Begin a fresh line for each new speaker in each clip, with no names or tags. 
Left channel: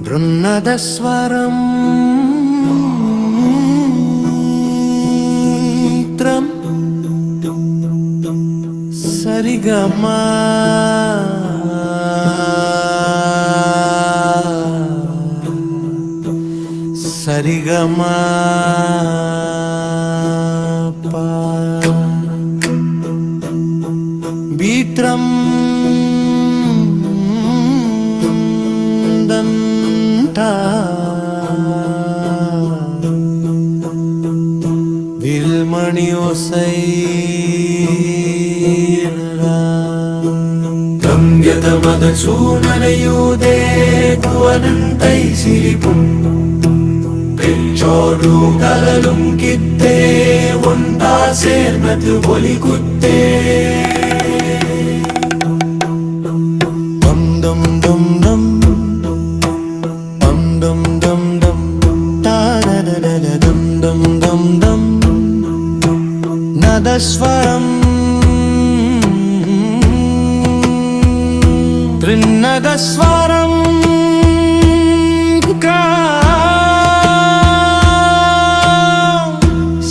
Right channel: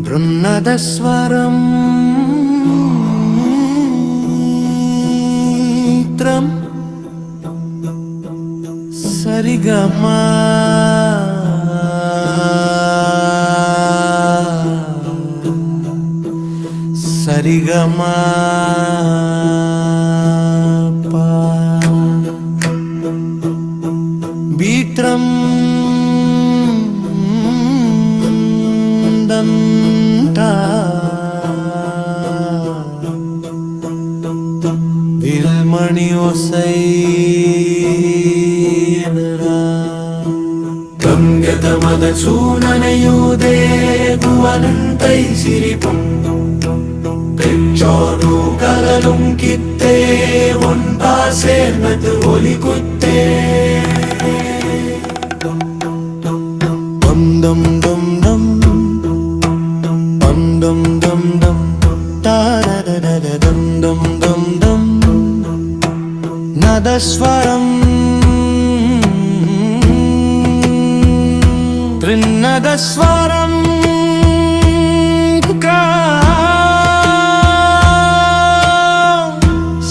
బృన్నదస్వరం సరిగమా. సరిగమా. బీట్రం. దంద ദിൽമണി ഒസൈ ഗംഗതമത ചൂനനയൂതേ കുവനന്തൈ സിരിപ്പും ചോടു കലലും കിത്തേ ഒണ്ടാ ചേർന്നത് ഒലികുത്തേ ദം ദം ദം ദം dum dum dum da da da da da dum dum dum dum nadaswaram trinnadaswaram ka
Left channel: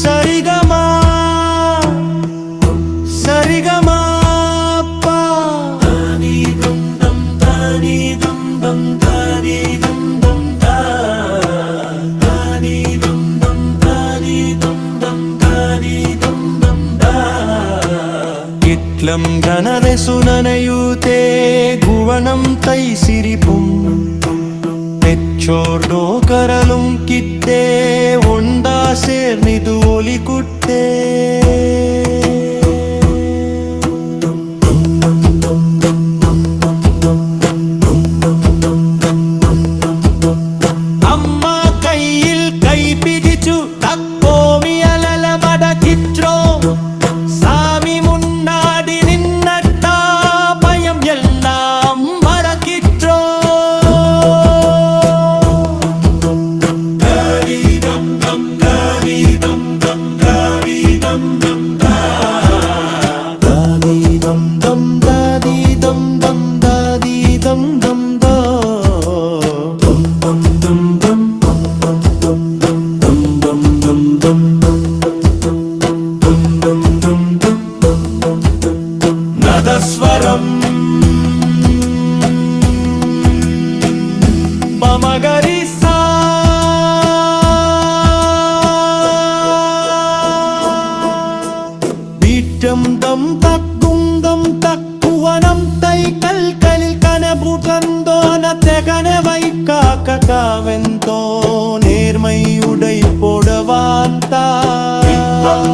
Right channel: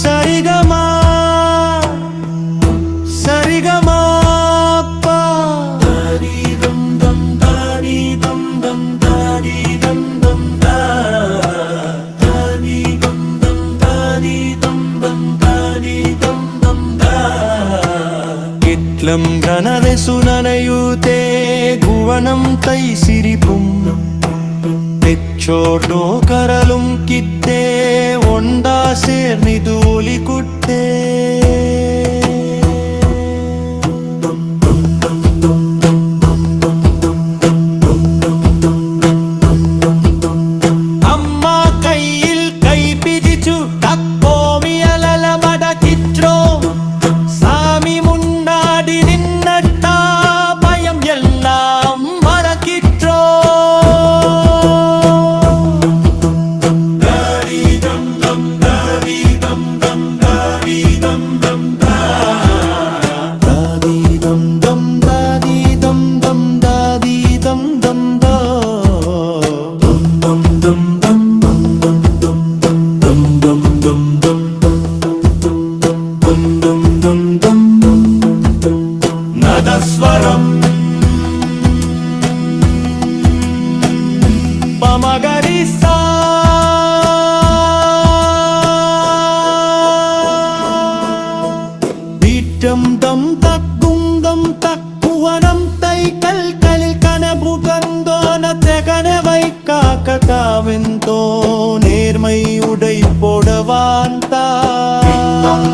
sarigama sarigama pa da dum dum da dum dum ഗുണം ഘനരസുനനയൂതേ ഗുവണം തൈ സിരിപ്പും തെച്ചോർഡോ കരലും കിത്തേ ഉണ്ടാ ചേർന്നിതു ഒലികുട്ടേ दम दादी दम दम दादी दम दम दं दं दं दं दं दं दं दं दं दं दं दं दं दं दं தந்தம் தக்குவனம் தை கல்களிൽ கனவு கந்தோனத்தை கனவை காக்க காவெந்தோ நேர்மையுடை போடவான் தான்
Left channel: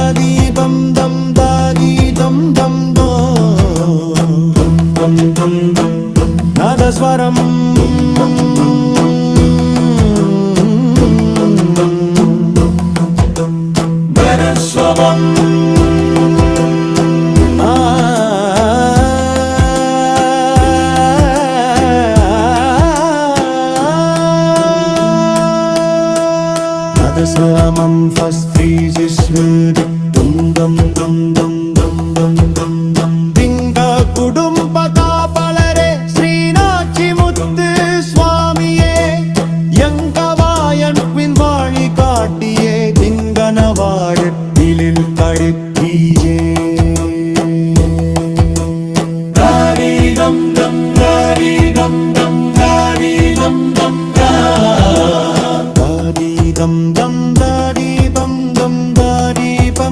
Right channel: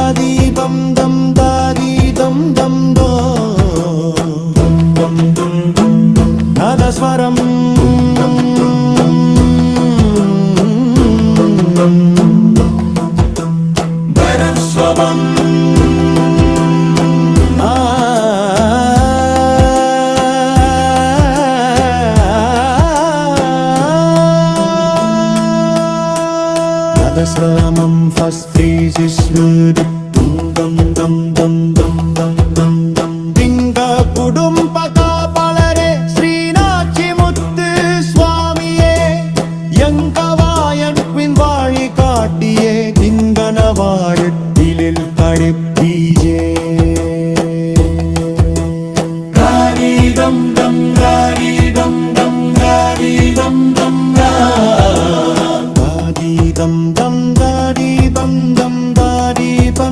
தாதி தம் தம் தாதி தம் தம் தோ நாதஸ்வரம் Better swam. സമം ഫസ്തി ജിഷ്ണു ദം ദം ദം ദം ദം ദം ദം ദം ദിംഗ കുടുംബ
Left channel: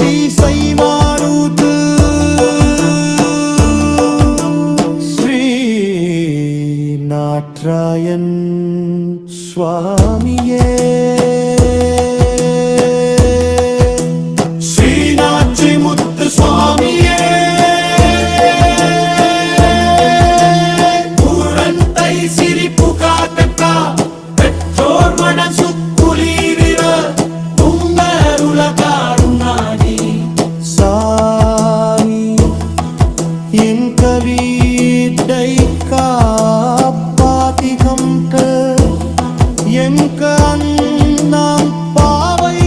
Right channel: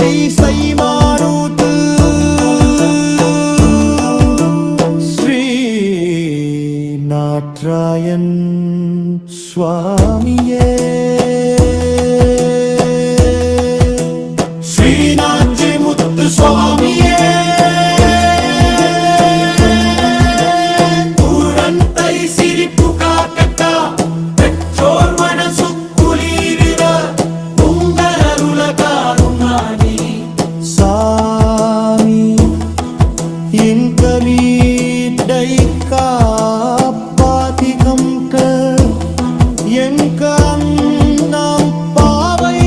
தீசை மானூத்து ஸ்ரீ நாட்ராயன் சுவாமியே. కంట ఎంకా అన్నం పావై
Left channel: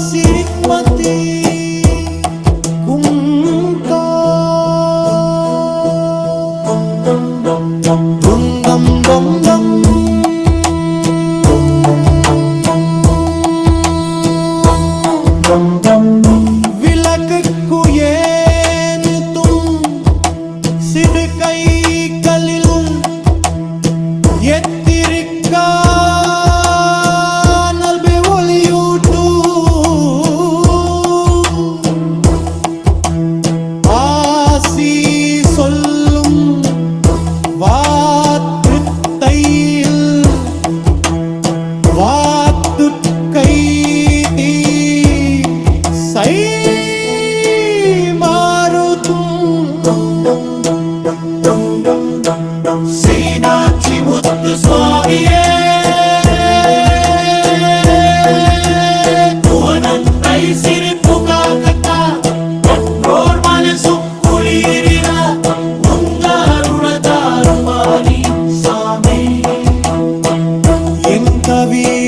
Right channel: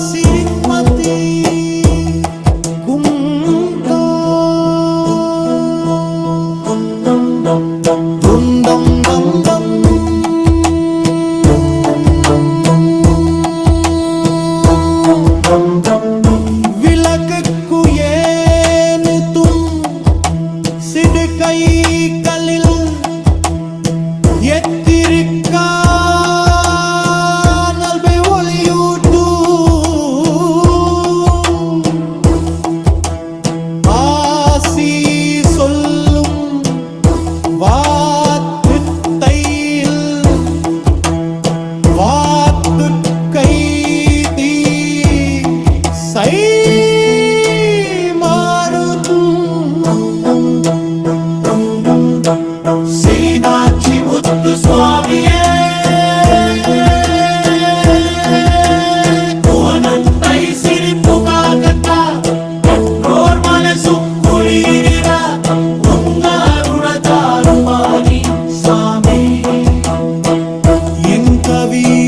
సిరిమతి కుంకా இரண்டு கைகளில் எத்திருக்கான் ஒளியூட்டு ஆசி சொல்லும் வா be